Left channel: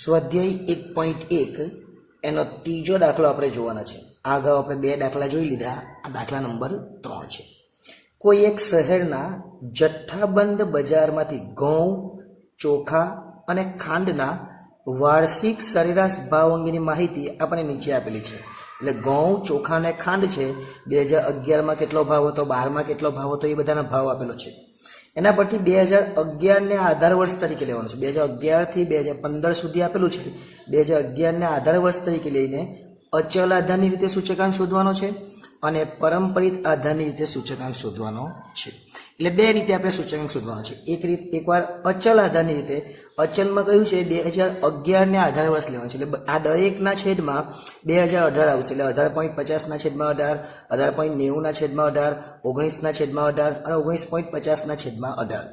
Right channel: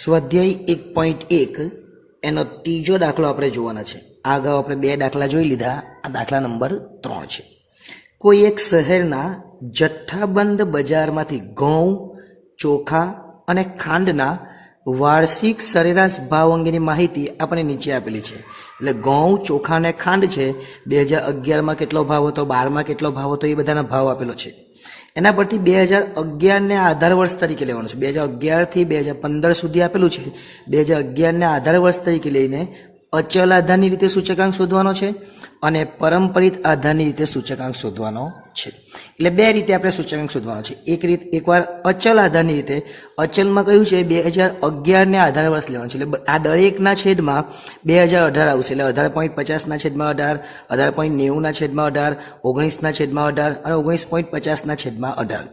સ્વાધ્યાય 1.1 એનો ત્રીજો દાખલો આપણે જોવાનો છે. આ અગાઉ આપણે બે દાખલા જોઈ લીધા. આ દાખલા નંબર 3 છે. કોઈ એક શહેરના જથ્થાબંધ બજારમાંથી ઘઉં, ચોખા અને ખાંડના વાર્ષિક સરેરાશ ભાવ અંગેની માહિતી આપણને નીચે આપેલી છે. એટલે ઘઉં, ચોખા અને ખાંડ છે 2011માં કેટલો ભાવ હતો, 12માં કેટલો ભાવ હતો, એ બધાના ભાવ આપેલો છે. એના પરથી 2011ને આધાર વર્ષ તરીકે લેવાનું છે. 2011 થી 2015 સુધી આપેલું છે. 2011ને આધાર વર્ષ તરીકે લઈને અચલ આધારની રીતે સૂચકાંક શોધવાનો છે અને પરંપરિત આધારની રીતે સૂચકાંક શોધવાનો છે. એટલે બે રીતે આપણે સૂચકાંક શોધવાનો છે. એકવાર અચલ આધારની રીતે, અચલમાં કહ્યું છે 2011ને આધાર વર્ષ લેવાનું છે. એટલે આ દરેકના છેદમાં 2018 આવશે. એટલે 18.50ના છેદમાં 18, 18.90ના છેદમાં 18, 19ના છેદમાં 18 અને 19.50ના છેદમાં 18.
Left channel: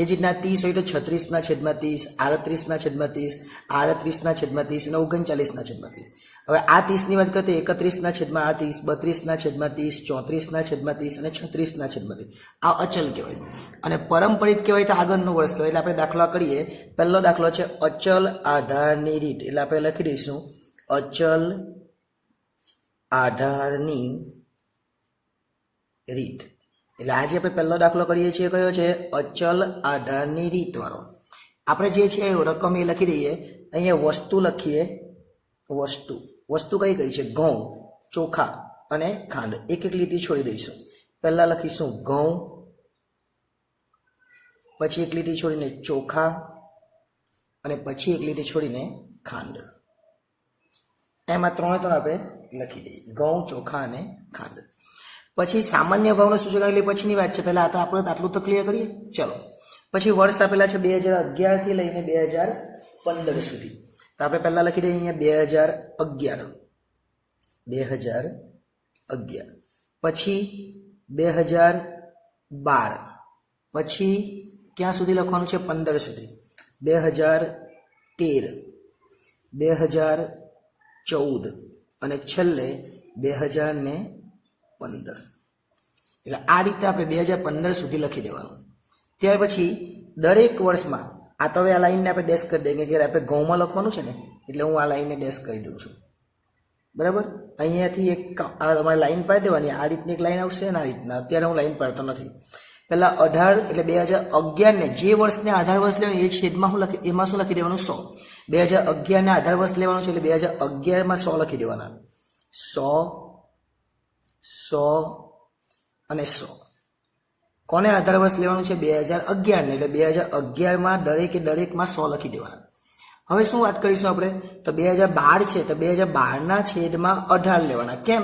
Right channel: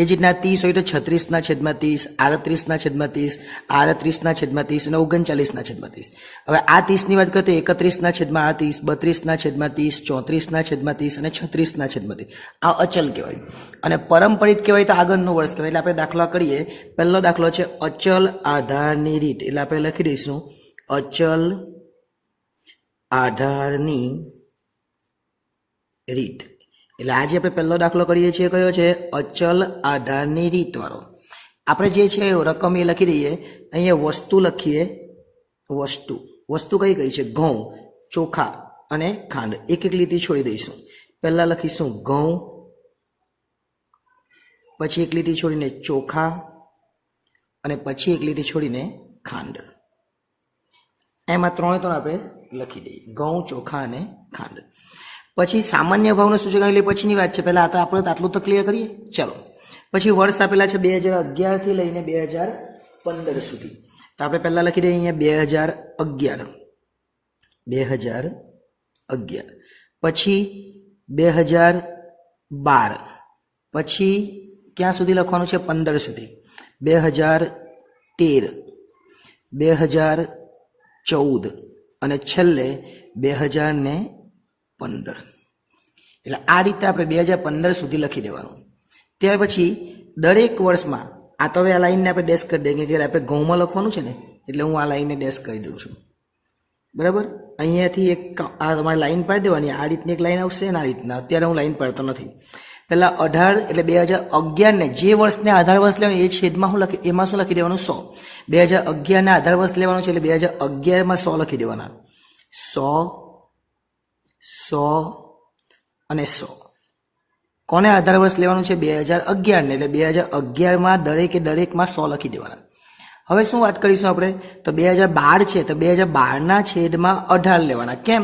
એ જ રીતના 30 હોય તો 36ના છેદમાં 30, 38ના છેદમાં 30, 38ના છેદમાં 30 અને 39ના છેદમાં 30. હવે આ 30ની વાત કરીએ તો 31ના છેદમાં 30, 32ના છેદમાં 30, 34ના છેદમાં 30 અને 36ના છેદમાં 30. આ અચલ કહેવાય. અને પરંપરિત કહેવાય તો આગળનું વર્ષ કહેવાય. એટલે આપણે દાખલા કરીએ. પહેલો દાખલો છે અચલ આધારની રીત. એટલે આપણે લખી દઈશું અચલ આધારની રીત. એટલે આજે આપણે પહેલો દાખલો કરીએ છીએ કયો છે? અચલ આધારની રીત વાળો. આપણે જે છે રકમ એ લખી દઈએ. અહીંયા વસ્તુ લખીએ. વસ્તુ કઈ કઈ છે? ઘઉં, ચોખા અને ખાંડ. એક એક લીટી છોડી દઈશું. પહેલા લખીશું ઘઉં, પછી એક લીટી છોડીને ચોખા અને પછી એક લીટી છોડીને ખાંડ. એમાં ત્રણે ત્રણ આપણે લખી દઈએ. ઘઉં, ચોખા અને ખાંડ. પછી સામાન્ય ભાવનો સૂચકાંક એટલે પછીની વાત છે. પહેલાં તો આપણે આટલું તો ક્લિયર કરીએ. ચલો, પછી વર્ષ આપેલા છે 2011થી લઈને 2015 સુધી. તો આપણે પહેલાં લખી દઈએ અહીંયા 2011, પછી 2012, પછી ક્યાં સુધી લખવાનું છે? 15 સુધી. 2013, 2014 અને છેલ્લે 2015. એટલે આ રીતે આપણે 2015 સુધી લખી દેવાનું. ત્યાર પછી દરેક વર્ષમાં આ તો હવે આ લાઈનને આપણે ડેશ કરી દઈએ કે આપણે ઘઉંમાં લખવાનું છે ને, એટલે હું આ લાઈનને ડેશ કરી દઉં છું. બરાબર? અહીંયાથી એક આ તમારે લાઈન પાડી દેવાની. આ રીતની એક લાઈન આવશે અને આ રીતના. અત્યારે હું લાઈન પાડતો નથી. પહેલાં 18 એટલે 2011ને જે વર્ષને આધાર વર્ષ લેવાનું એ છેદમાં એમાં શું લખી દેવાનું? 100. 2011ને આધાર વર્ષ લેવાનું છે એટલે 2011માં 100 લખી દેવાના. 100 અને 100. કોને આધાર વર્ષ લેવાનું છે? 2011ને. એટલે 2011માં દરેકમાં 100 લખી દેવાના. હવે શું વાત કરીશું આપણે? તો 2012 છે તો 2012ના છેદમાં 18 લેવાના. કેમ?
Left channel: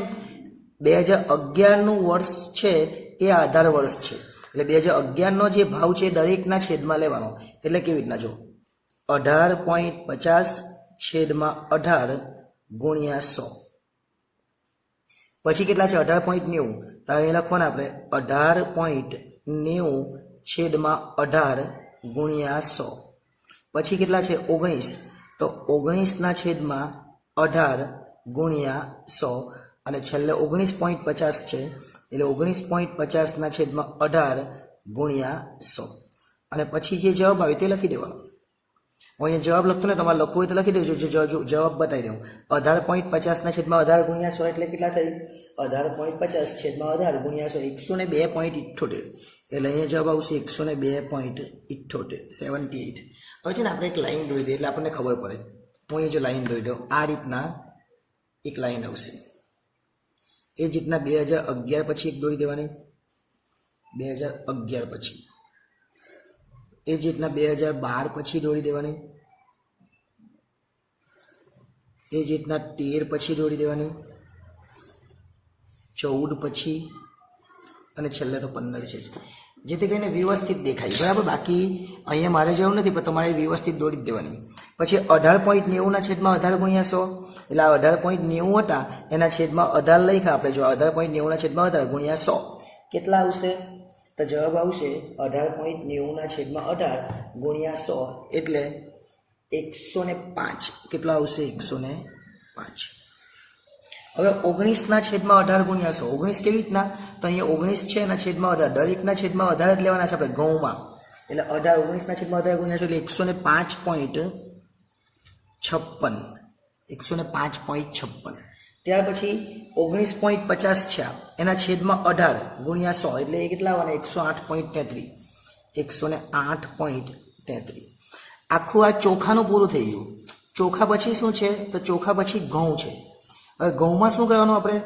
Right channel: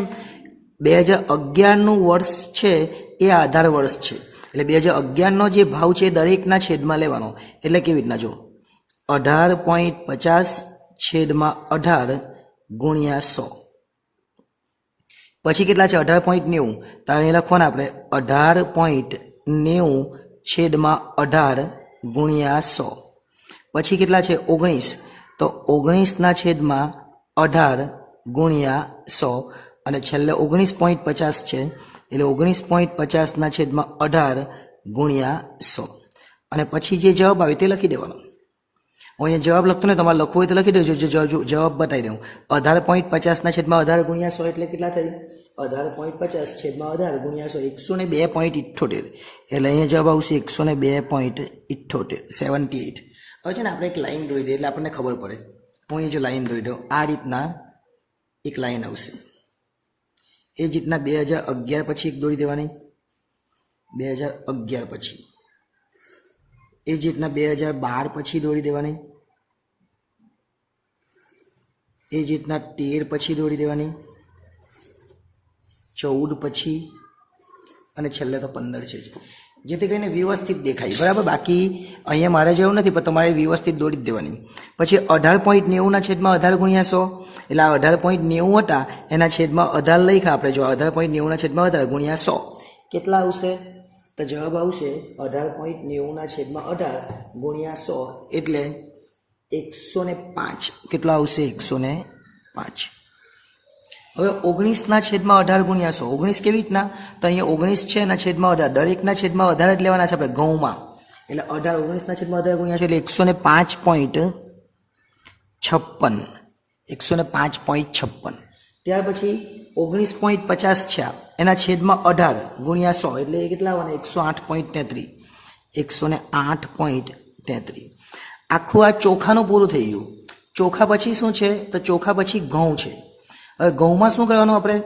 2011નું વર્ષ છે એ આધાર વર્ષ છે. એટલે 2011નો જે ભાવ છે દરેકના છેદમાં લેવાનો. એટલે કેવી રીતના જો 18.50 છેદમાં 18 ગુણ્યા 100. પછી કેટલા છે? 18.90. તો અહીં લખવાના આપણે 18.90 છેદમાં 18 ગુણ્યા 100. પછી કેટલા છે? 19. તો 19ના છેદમાં 18 ગુણ્યા 100 અને છેલ્લે 19.50 છે. એટલે 19.50ના છેદમાં 18 ગુણ્યા 100. અને પછી જે જવાબ આવે તે લખી દેવાનો. હું અહીંયા જવાબ લખતો ને, તમારે લખવું હોય તો લખી દેજો. જવાબ બતાવી દઉં. 18.50ના છેદમાં 18 ગુણ્યા 100 એટલે કેટલા થઈ? 18.50 છેદમાં 18 ગુણ્યા 100 102.78. એટલે અહીંયા જવાબ આવશે 102.78, 78. હવે છે ને આપણે એક લાઈન દોરી દઈએ એટલે આપણને ખબર પડે. હું અહીંયા જો લાઈન દોરી દઉં, આ રીતના એક લાઈન આવશે. એ જ રીતના 2011 પછી એક દોરી દેવાની. 2011 પછી. એ જ રીતના 2012 પછી દોરી દેવાની. એ જ રીતના 13 પછી દોરી દેવાની. 14 પછી અને છેલ્લે તો 15 છે. જેથી કરીને વ્યવસ્થિત દેખાય. બરાબર? બાકી અહીંયા મારે જેવું નથી, પણ તમારે વ્યવસ્થિત દોરી જ દેવાની. પછી 18.90ના છેદમાં 18 ગુણ્યા 100. એટલે આ 18.90 હતા એના છેદમાં 18 લખ્યા આપણે. જો 18.90ના છેદમાં 18 ગુણ્યા 100 કેટલા આવશે? તો જવાબ આવશે 18.90ના છેદમાં 18 ગુણ્યા 100 એટલે 105. કેટલા આવશે? 105. હવે 19ના છેદમાં 18 ગુણ્યા 100. 19 કેવી રીતના? તો અહીંયા 19 છે એના છેદમાં 18. દરેકના છેદમાં 18 જ લેવાના છે આપણે ઘઉંમાં. એટલે 19ના છેદમાં 18 ગુણ્યા 100 એટલે 105 105.56. ત્યાર પછી 19.50 છે એના છેદમાં 18 ગુણ્યા 100 એટલે એ કેટલા આવવાના 108.33. 108.33. આખું આ ચોખાનું પૂરું થઈ ગયું. ચોખા પછી શું છે તો ચોખા પછી ઘઉં છે. હવે ઘઉંમાં શું કરવાનું આપણે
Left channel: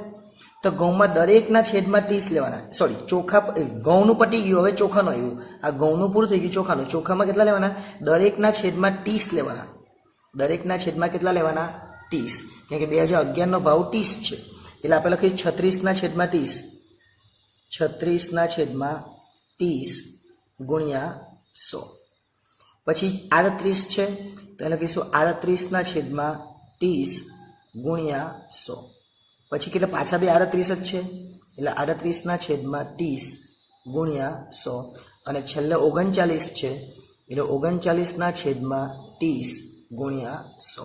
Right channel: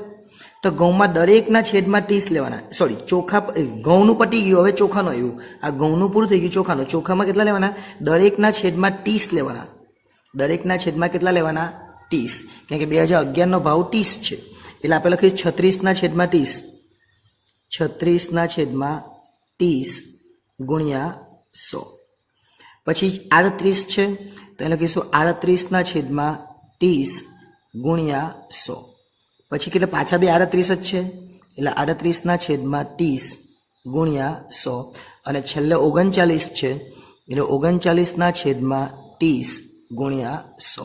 તો ઘઉંમાં દરેકના છેદમાં 30 લેવાના. સોરી, ચોખા ઘઉંનું પટી ગયું, હવે ચોખાનું આવ્યું. આ ઘઉંનું પૂરું થઈ ગયું, ચોખાનું. ચોખામાં કેટલા લેવાના દરેકના છેદમાં 30 લેવાના. દરેકના છેદમાં કેટલા લેવાના 30, કેમ કે 2011નો ભાવ 30 છે એટલે આપણે લખીએ 36 છેદમાં 30. 36 છેદમાં 30 ગુણ્યા 100. પછી 38 છે તો એને લખીશું 38 છેદમાં 30 ગુણ્યા 100. પછી કેટલા પાછા બે 38 જ છે એટલે 38 છેદમાં 30 ગુણ્યા 100. અને છેલ્લે 39 છે એટલે 39 છેદમાં 30 ગુણ્યા 100.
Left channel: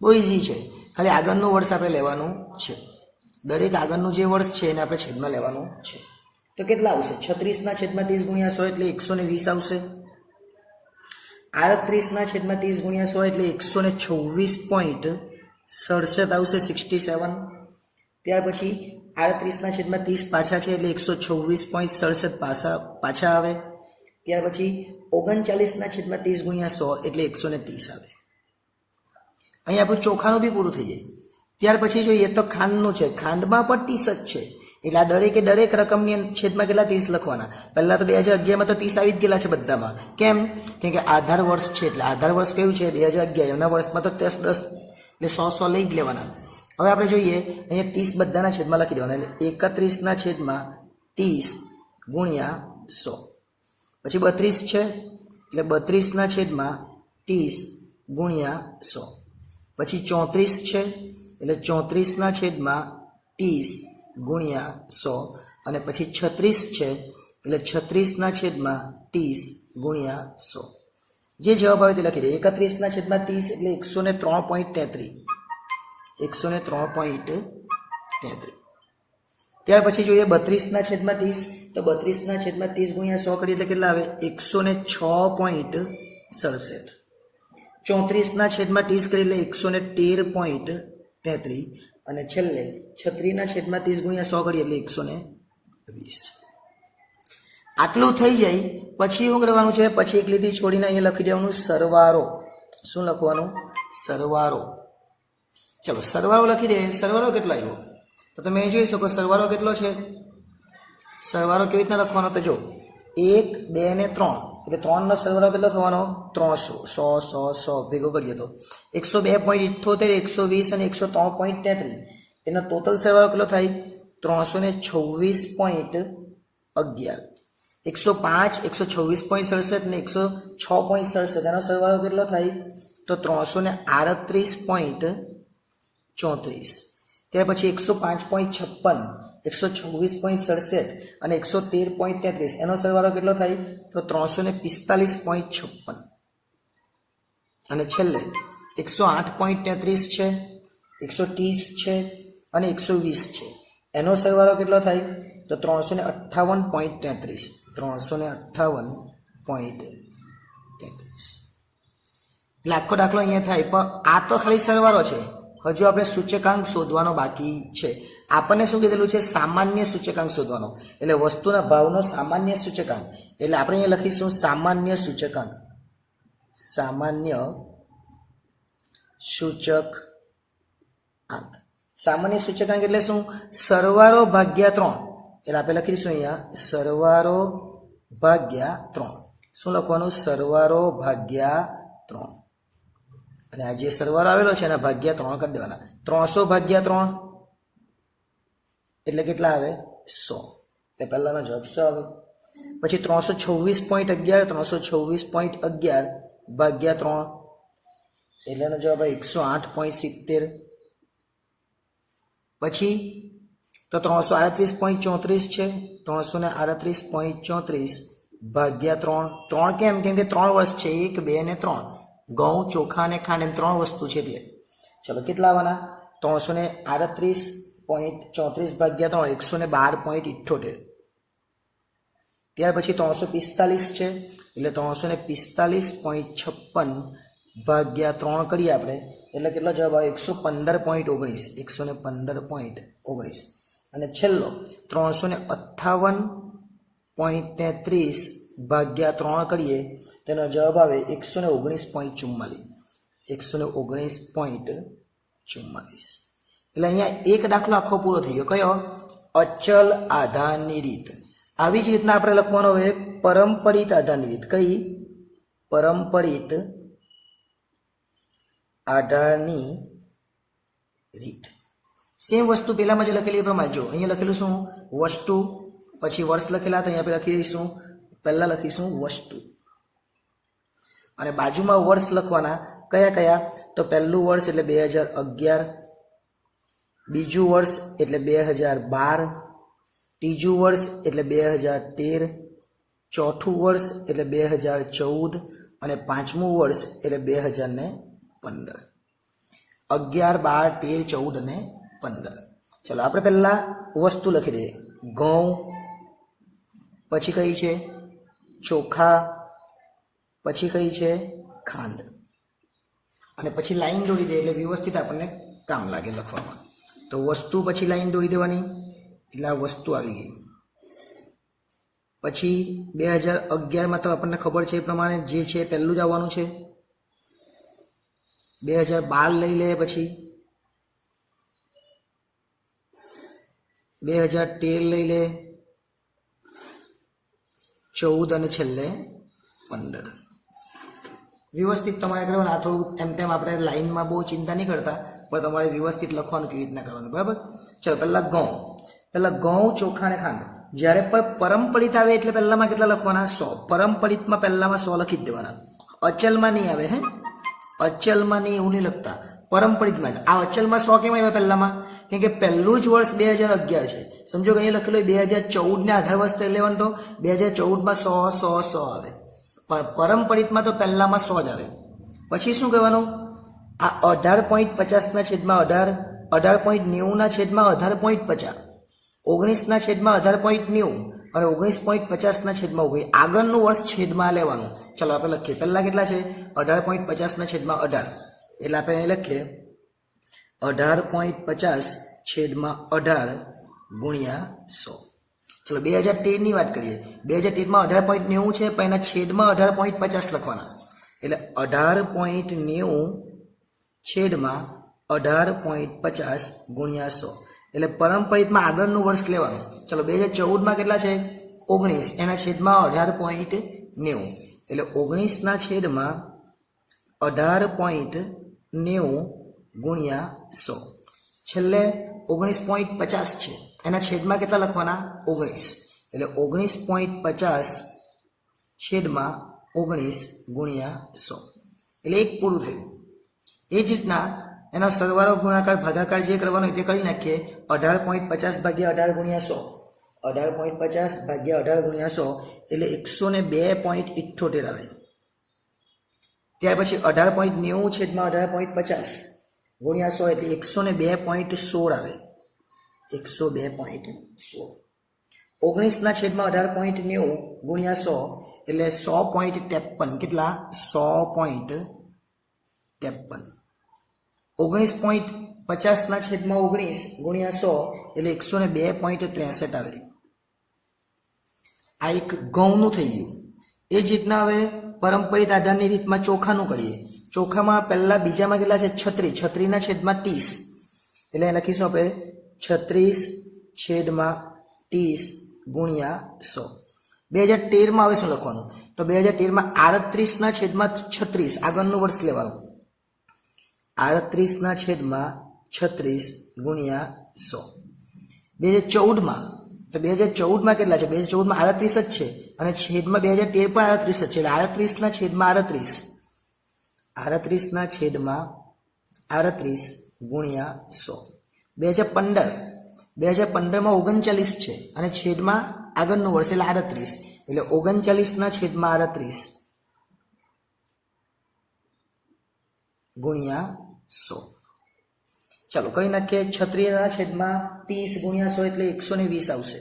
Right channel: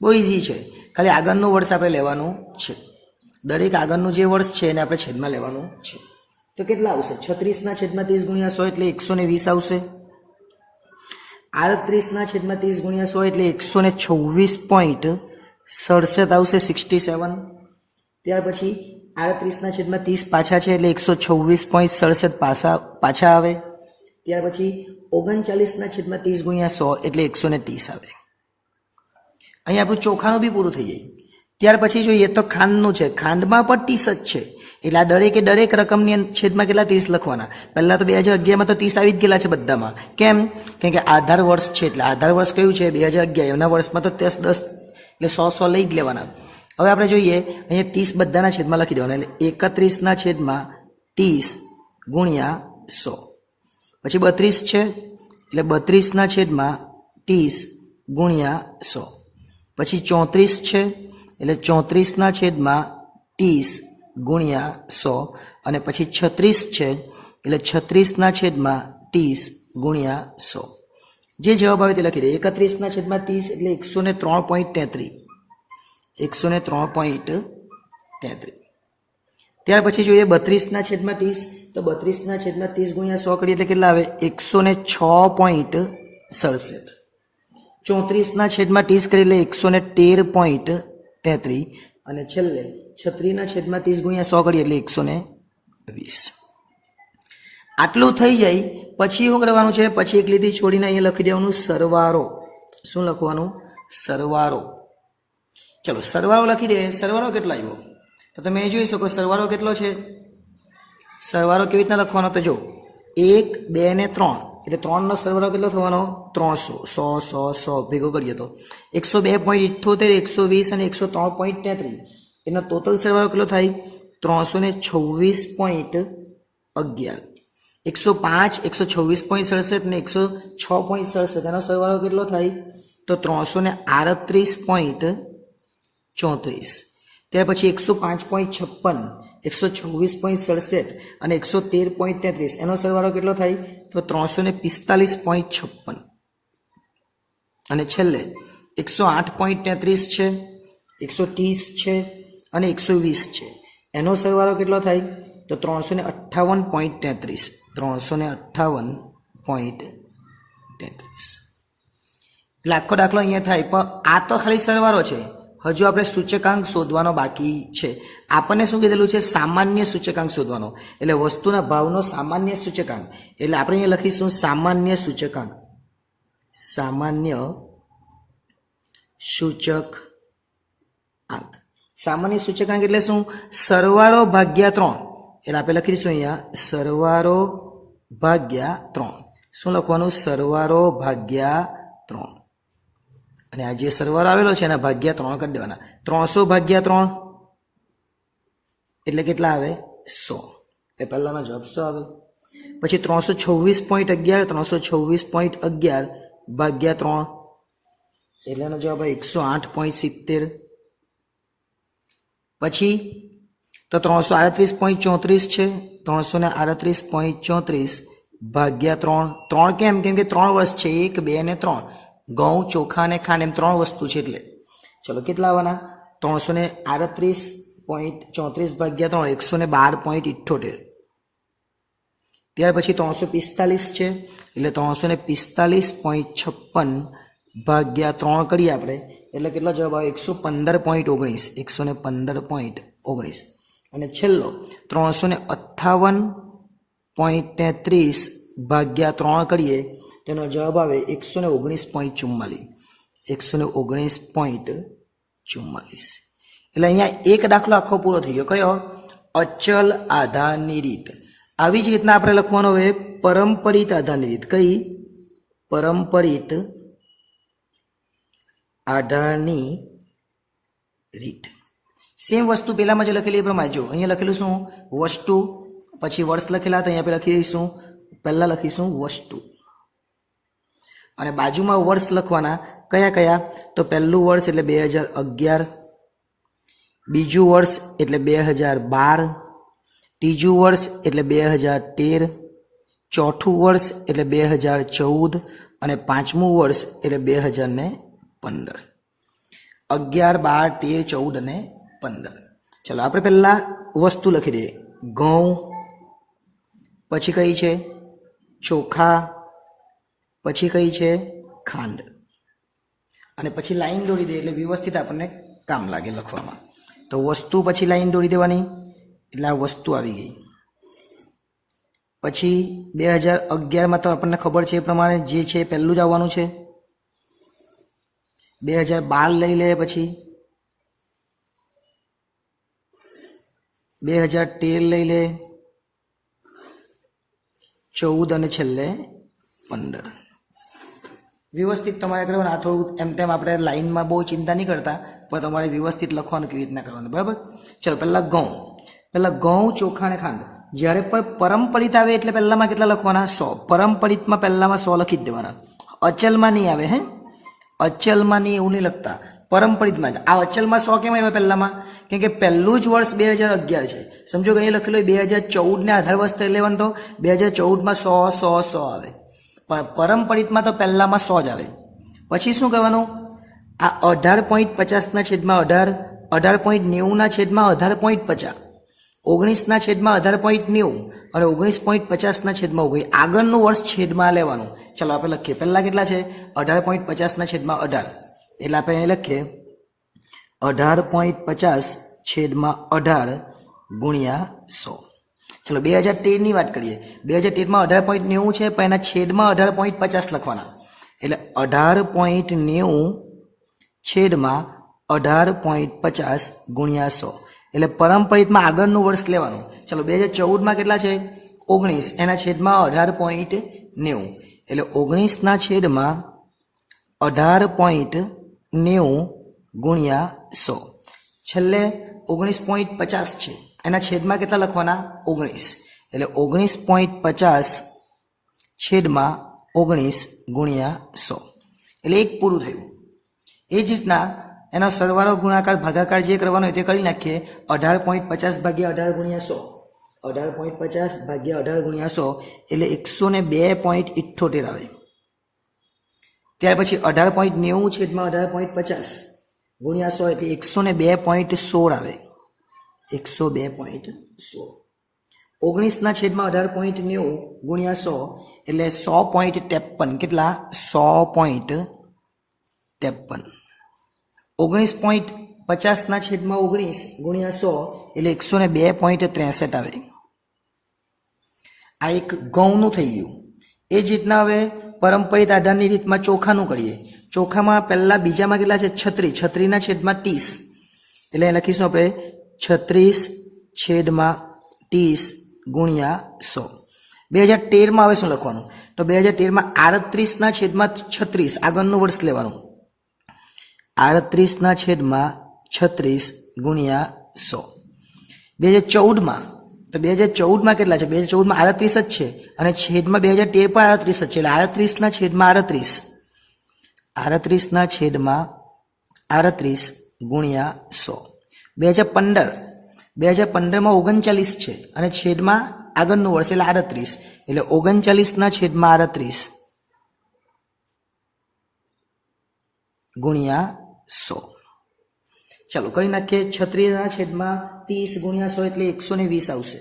બહુ ઇઝી છે. ખાલી આગળનું વર્ષ આપણે લેવાનું છે. દરેક આગળનું જે વર્ષ છે એને આપણે છેદમાં લેવાનું છે. તો કેટલા આવશે 36 છેદમાં 30 ગુણ્યા 100 એટલે 120 આવશે. 38 છેદમાં 30 ગુણ્યા 100 એટલે 126.67 આવશે. 67. ત્યાર પછી 38 છેદમાં 30 પાછા છે એટલે 126.67 પાછા આવે. ત્યાર પછી 39 છેદમાં 30 ગુણ્યા 100 એટલે 130 આવે. અહીં આપણું ચોખાનું બી પૂરું થઈ જાય. ત્યાર પછી જોઈએ તો ખાંડનું છે. ખાંડમાં પણ 30 જ છે એટલે આ દરેક રકમની છેદમાં કેટલા 30 લખવાના. પહેલાં તો 2011માં તો 30 આવી જ ગયેલા છે બધામાં. કેમ કે આધાર વર્ષ છે એટલે આધાર વર્ષ કયું છે 2011. એના વર્ષમાં તો 10 એટલે 100 લઈ જ લેવાના. હવે આપણે જોઈએ અહીંયા 30 બધાના છેદમાં લખી દેવાના એટલે 31 છેદમાં 30 ગુણ્યા 100. પછી 32 છે એટલે 32 છેદમાં 30 ગુણ્યા 100. પછી 34 છે એટલે 34 છેદમાં 30 ગુણ્યા 100. અને પછી 36 છે એટલે 36 છેદમાં 30 ગુણ્યા 100. જે જવાબ આવે તે લખી દે. 31 છેદમાં 30 એટલે 103.33. 103.33. ત્યાર પછી જોઈએ 32 છેદમાં 30 તો 32 છેદમાં 30 ગુણ્યા 100 કરીએ એટલે કેટલા આવે 106.67. 34 છેદમાં 30 કરી એટલે 113.33. અને છેલ્લે 36 છેદમાં 30 ગુણ્યા 100 કરીએ એટલે 120. આટલું થઈ જાય પછી શું કરવાનું છે પછી એક લીટી છોડીને અહીંયા લખી દેવાનું સરવાળો. શું લખવાનું સરવાળો. ચલો સરવાળો લખી દે. સરવાળો કેટલો આવ્યો તો તમે જોઈ શકો સરવાળો કેટલો છે. સરવાળો કેવી રીતના લખવાનો તો જો 1 2 ને 3 એટલે 3નો સરવાળો કેટલો થવાનો 300. 100 ભેગો કરીએ તો 102.78 120 અને 103.33 એનો ટોટલ સરવાળો કેટલો થાય 326.11. 105 126.67 અને 106.67 એનો સરવાળો કેટલો થાય તો 338.34. ત્યાર પછી 105.56 126.67 અને 113.33 એનો સરવાળો કેટલો થાય તો 345.56. અને છેલ્લે 108.33 છે 130 છે અને 120 છે એનો સરવાળો કેટલો થાય તો 358.33. 358.33. લાખો દાખલો અહીંયા થાય પણ આ તો ખાલી સરવાળો છે. હજુ આપણે સૂચકાંક શોધવાનો બાકી છે. આપણને શું કીધેલું છે સામાન્ય સૂચકાંક શોધવાનો એટલે વસ્તુના ભાવનો સામાન્ય સૂચકાંક. એટલે આપણે અહીંયા લખીશું સામાન્ય સૂચકાંક. સામાન્ય સૂચકાંક. સામાન્ય સૂચકાંક એટલે શું સરવાળો ભાગ્યા 3. એટલે આપણે લખી દઈશું અહીંયા સરવાળો ભાગ્યા 3. શું લખવાનું સરવાળો ભાગ્યા 3. અને આ જે સરવાળો આવેલો છે એના ભાગ્યા 3 કરી દેવાના. 300 ભાગ્યા 3 એટલે કેટલા આવે 100. એ પહેલાનો જવાબ 100 આવે. પછી 326.11 326.11 ભાગ્યા 3 એટલે એનો જવાબ આવે 108.70. પછી તો 338.34 છે 338.34 ભાગ્યા 3 કેમ કે 3 વર્ષ છે 1 2 ને 3 ઘઉં ચોખા અને ખાંડ એમ 3 વસ્તુ છે એટલે ચલો કેટલા આવવાના 338.34 ભાગ્યા 3 112.78. ત્યાર પછી 345 છે એટલે 345.56 ભાગ્યા 3 કરીએ આપણે એટલે કેટલો જવાબ આવે 115.19 115.19 અને છેલ્લો 358.30 ભાગ્યા 3 કરીએ તેનો જવાબ આવે 119.44 119.44 એટલે અહીંયા એક દાખલો આખો પૂરો થઈ ગયો કયો અચલ આધારની રીત આવી જ રીતના આપણે લખવાનો હોય પરંપરિત આધારની રીત કઈ પરંપરિત આધારની રીત સેમ વસ્તુ પહેલામાં જે લખેલી એ પ્રમાણે જો અહીંયા લખેલું શું વસ્તુ પછી વર્ષ લખેલા હતા અહીંયા લખીશું પહેલા લખીશું વસ્તુ અને બાજુમાં વર્ષ લખવાના કયા કયા તો પહેલું વર્ષ એટલે 2011 બીજું વર્ષ એટલે 2012 ત્રીજું વર્ષ એટલે 2013 ચોથું વર્ષ એટલે 2014 અને પાંચમું વર્ષ એટલે 2015 11 12 13 14 અને 15 ચલો આપણે પહેલા વસ્તુ લખી દઈએ ઘઉં પછી કઈ છે ચોખા પછી કઈ છે ખાંડ અને પછી લાઈન દોરી દે એટલે વ્યવસ્થિત આપણને કામ લાગે લખવામાં તો વસ્તુ પછી લાઈન દોરી દેવાની એટલે આ વસ્તુ આવી ગઈ પછી 2011માં તો આપણને ખબર છે એ પ્રમાણે જે છે પહેલું જ આવવાનું છે 2012 લઈ લે પછી 2013 લઈ લે 14 અને છેલ્લે 15 વ્યવસ્થિત તમારે કરવાનું આ થોડું એમ તેમ આપણે લાઈનમાં બહુ ચિંતા નહીં કરતા પણ તમારે વ્યવસ્થિત લખવાનું કેવી રીતના કરવાનું બરાબર ચલો પહેલાં ઘઉં ચોખા અને ખાંડ જ્યારે પણ પરંપરિત આવે એટલે પહેલામાં કેટલા લખવાના 100 પરંપરિતમાં પહેલામાં 100 લખી જ દેવાના અચલમાં નહીં આવે હે અચલમાં નહીં એવું નહીં લખતા પરંપરિતમાં જ આ અચલમાં 100 કેમ આવ્યા પહેલામાં કેમ કે પહેલું જ વર્ષ 2011 છે સમજો કે અહીં લખેલું 2014 ને આધાર વર્ષ લેવાનું તો 2014માં 100 આવે પણ પરંપરિતમાં તો પહેલામાં 100 જ આવે પછી શું કરવાનું આ 18.50 છેદમાં 18.90 છેદમાં 18.50 19 છેદમાં 18.90 અને 19.50 છેદમાં 19 આગળનું વર્ષ છેદમાં લેવાનું ચાલો આપણે લખીએ પહેલા કેટલા છે 18.50 છેદમાં 18 એટલે આપણે અહીં લખીએ 18.50 છેદમાં 18 ગુણ્યા 100 ચલો 2013 ની વાત કરીએ 2013માં 18.90 છે પણ એના છેદમાં 18.50 લખવાના એટલે 18.90 છેદમાં 18.50 ગુણ્યા 100 એટલે પરંપરિતમાં આગળનું વર્ષ લેવાનું ચલો 2014માં કેટલા છે 19 એના છેદમાં 18.90 એટલે 19 છેદમાં 18.90 ગુણ્યા 100 છેલ્લે 19.50 છે એના છેદમાં કેટલા લખવાના 19 એટલે 19.50 છેદમાં 19 ગુણ્યા 100 એટલે એક પૂરું થયું એ જ રીતના એનો સરવાળો ગુણાકાર ભાગાકાર જે કરવાનો હોય તે કરી નાખીએ 18.50 ભાગ્યા 18 ગુણ્યા 100 18.50 ભાગ્યા 18 ગુણ્યા 100 એટલે 102.78 આવે ત્યાર પછી 18.90 છેદમાં 18.50 ગુણ્યા 100 એટલે 102.16 આવે 102.16 19 છેદમાં 18.90 ગુણ્યા 100 એટલે 100.53 કેટલા 100.53 19.50 છેદમાં 19 ગુણ્યા 100 એટલે 102.63 આવે આ એક ઘઉંનું થઈ ગયું એ જ રીતના હવે પરંપરિત આધારની રીતમાં ચોખાનું કરીએ ચોખામાં પહેલા બીજામાં કેટલા છે 36 છેદમાં 30 એટલે લખીશું આપણે 36 છેદમાં 30 ગુણ્યા 100 2013માં હવે શું લખવાનું તો 2013માં 38 છેદમાં 36 આગળનું વર્ષ લેવાનું 38 છેદમાં 36 ગુણ્યા 100 2014માં તો 2014માં કેટલા છે 2014માં 38 જ છે અને છેદમાં 2013 પર 38 જ છે એટલે 38 છેદમાં 38 છેદમાં 38 ગુણ્યા 100 2015માં 39 છે અને છેદમાં આગળનું વર્ષ એટલે 38 એટલે 39 છેદમાં 38 ગુણ્યા 100 ચાલો કરી નાખીએ 36 છેદમાં 30 ગુણ્યા 100 એટલે 120 આવશે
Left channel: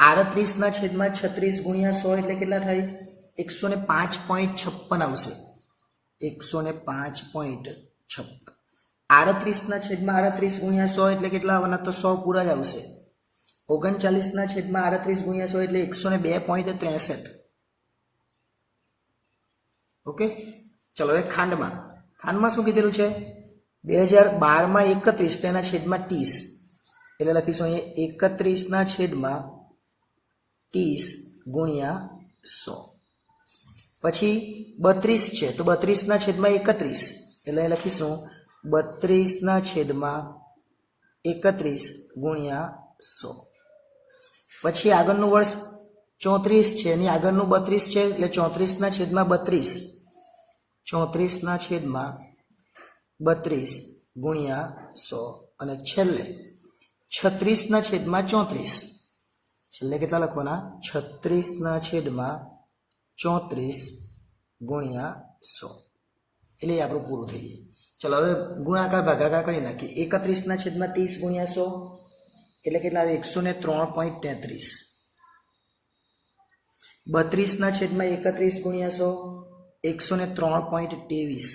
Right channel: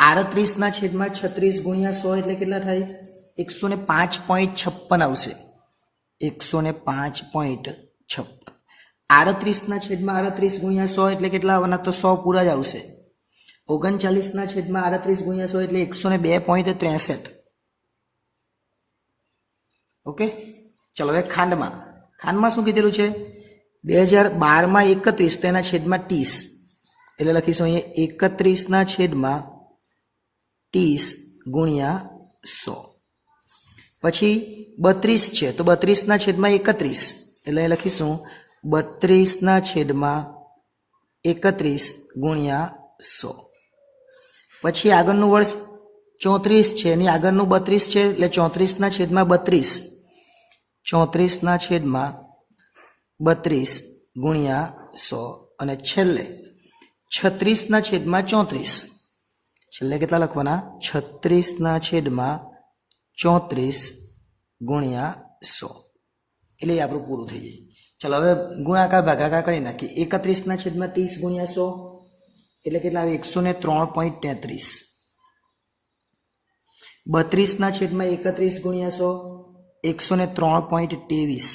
38 છેદમાં 36 ગુણ્યા 100 એટલે કેટલા થાય 105.56 આવશે 105.56. 38/38 ગુણ્યા 100 એટલે કેટલા આવવાના? તો 100 પૂરા જ આવશે. 39/38 ગુણ્યા 100 એટલે 102.63. ઓકે, ચલો હવે ખાંડમાં શું કીધેલું છે? 2012માં 31 તો એના છેદમાં 30 એટલે લખીશું અહીંયા 31/30 ગુણ્યા 100. પછી 32 છે તો 32/31 એટલે લખીશું 32/31 ગુણ્યા 100. પછી આગળનું વર્ષ 34 છે, એની આગળનું 32 છે એટલે 34/32 34/32 ગુણ્યા 100. અને છેલ્લે 36/34 છેલ્લે કેટલા લખવાના? 36/34 ગુણ્યા 100 એટલે આપણું પૂરું થઈ જાય. ચલો હવે ગુણાકાર ભાગાકાર કરી નાખીએ. 31/30 ગુણ્યા 100 એટલે કેટલા આવે? 103.33. 32/31 ગુણ્યા 100 103.23.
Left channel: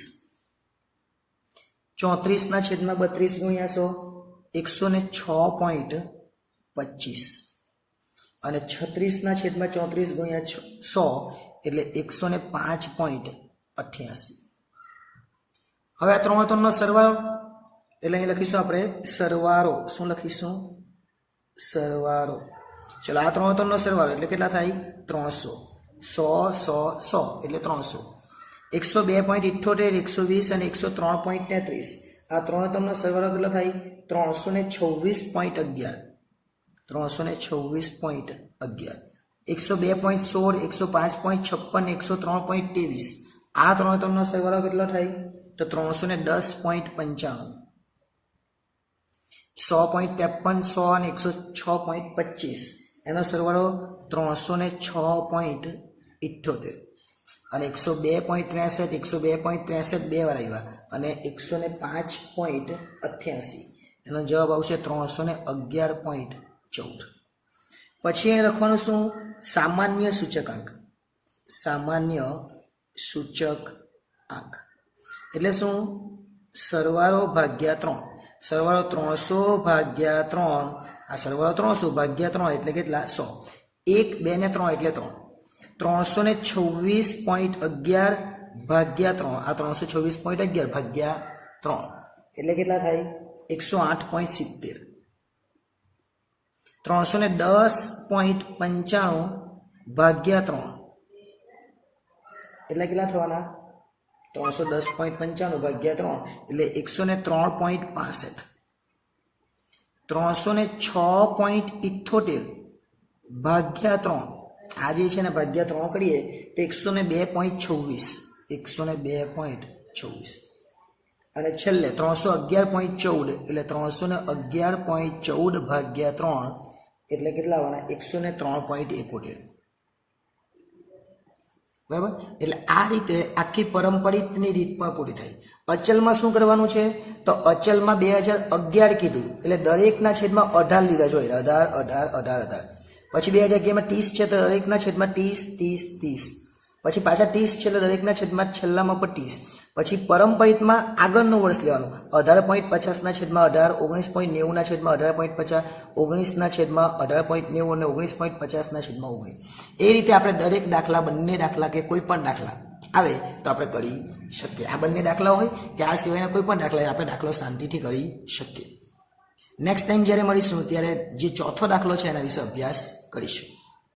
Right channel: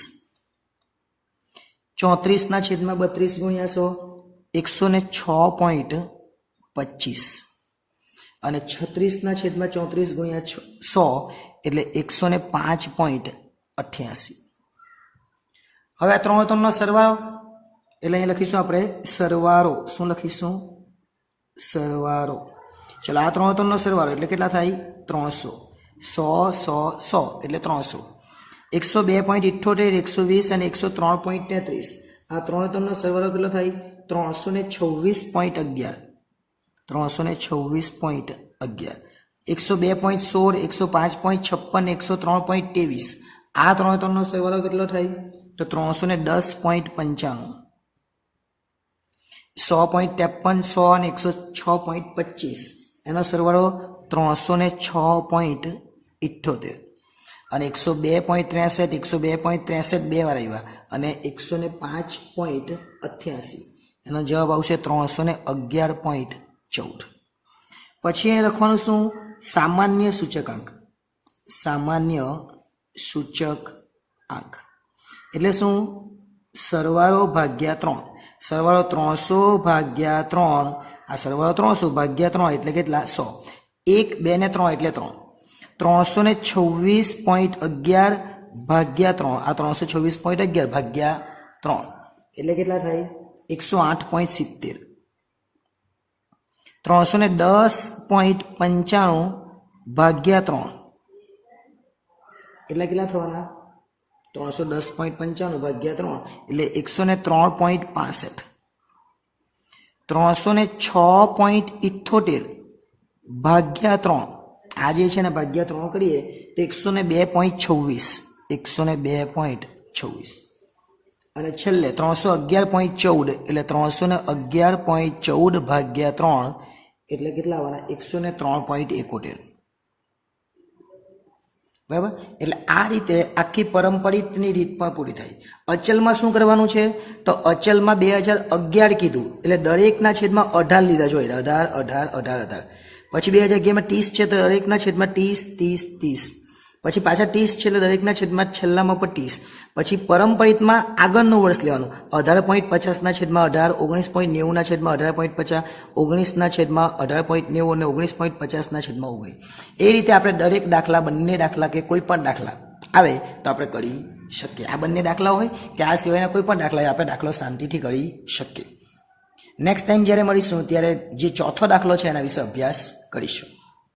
34/32 ગુણ્યા 100 106.25. અને 36/34 ગુણ્યા 100 એટલે 105.88. હવે આ ત્રણનો સરવાળો એટલે અહીં લખીશું આપણે સરવાળો. શું લખીશું? સરવાળો. ચલો આ ત્રણનો સરવાળો એટલે કેટલા થાય? 300. 100 100 100 એટલે 300. 102.78 120 અને 103.33 આ ત્રણનો સરવાળો કેટલો થાય? 326.11. 326.11. 102.16 105.56 103.23 આ ત્રણનો સરવાળો કેટલો થાય? તો 310.95. 100.53 100 અને 106.25 એનો સરવાળો 306.78. અને 102.63 102.63 બે વાર આવ્યા અને 105.88 એનો જવાબ આવશે 311.14. પછી અહીં લખવાનું શું? સામાન્ય સૂચકાંક. સામાન્ય સૂચકાંક એટલે શું? સરવાળો ભાગ્યા 3. સરવાળો 300 ભાગ્યા 3. આ સરવાળો 300 ભાગ્યા 3 એટલે કેટલા? 100. 1 2 ને 3 એટલે 3. 326.11 ભાગ્યા 3. આ 326.11 ભાગ્યા 3 એટલે કેટલા થાય? 108.70. 310.95 ભાગ્યા 3 એટલે કેટલા થવાના? 310.95 ભાગ્યા 3 એટલે 103.65. 306.78 ભાગ્યા 3 આ જે છે ને ભાગ્યા 3 કરીએ તો 102.26. 102.26. અને છેલ્લે 311.14 એટલે 311.14 ભાગ્યા 3 એટલે કેટલા આવવાના? 103.71. બરાબર. એટલે આ રીતે આખી પરંપરિતની રીત પણ પૂરી થાય. અચલમાં શું કરવાનું છે? તો અચલમાં 2011 કીધું એટલે દરેકના છેદમાં 18 લીધા જોઈએ. 18. પછી 2011માં 30 છે તો દરેકના છેદમાં 30. પછી પાછા 30 છે એટલે દરેકના છેદમાં છેલ્લામાં પર 30. પછી પરંપરિતમાં આગળનું વર્ષ લેવાનું. 18.50 છેદમાં 18, 19.90 છેદમાં 18.50, 19 છેદમાં 18.90 અને 19.50 છેદમાં 19. એ રીતે આપણે દરેક દાખલા, બંને દાખલા કે કોઈ પણ દાખલા આવે તો આપણે કરી શકીએ. આ બંને દાખલા હોય કે આ સિવાયના કોઈ પણ દાખલા હોય આપણે દાખલો શાંતિથી કરી શકીએ. નેક્સ્ટ ટાઈમ જ્યારે મળીશું ત્યારે જે ચોથો દાખલો છે એના વિશે અભ્યાસ કરીશું.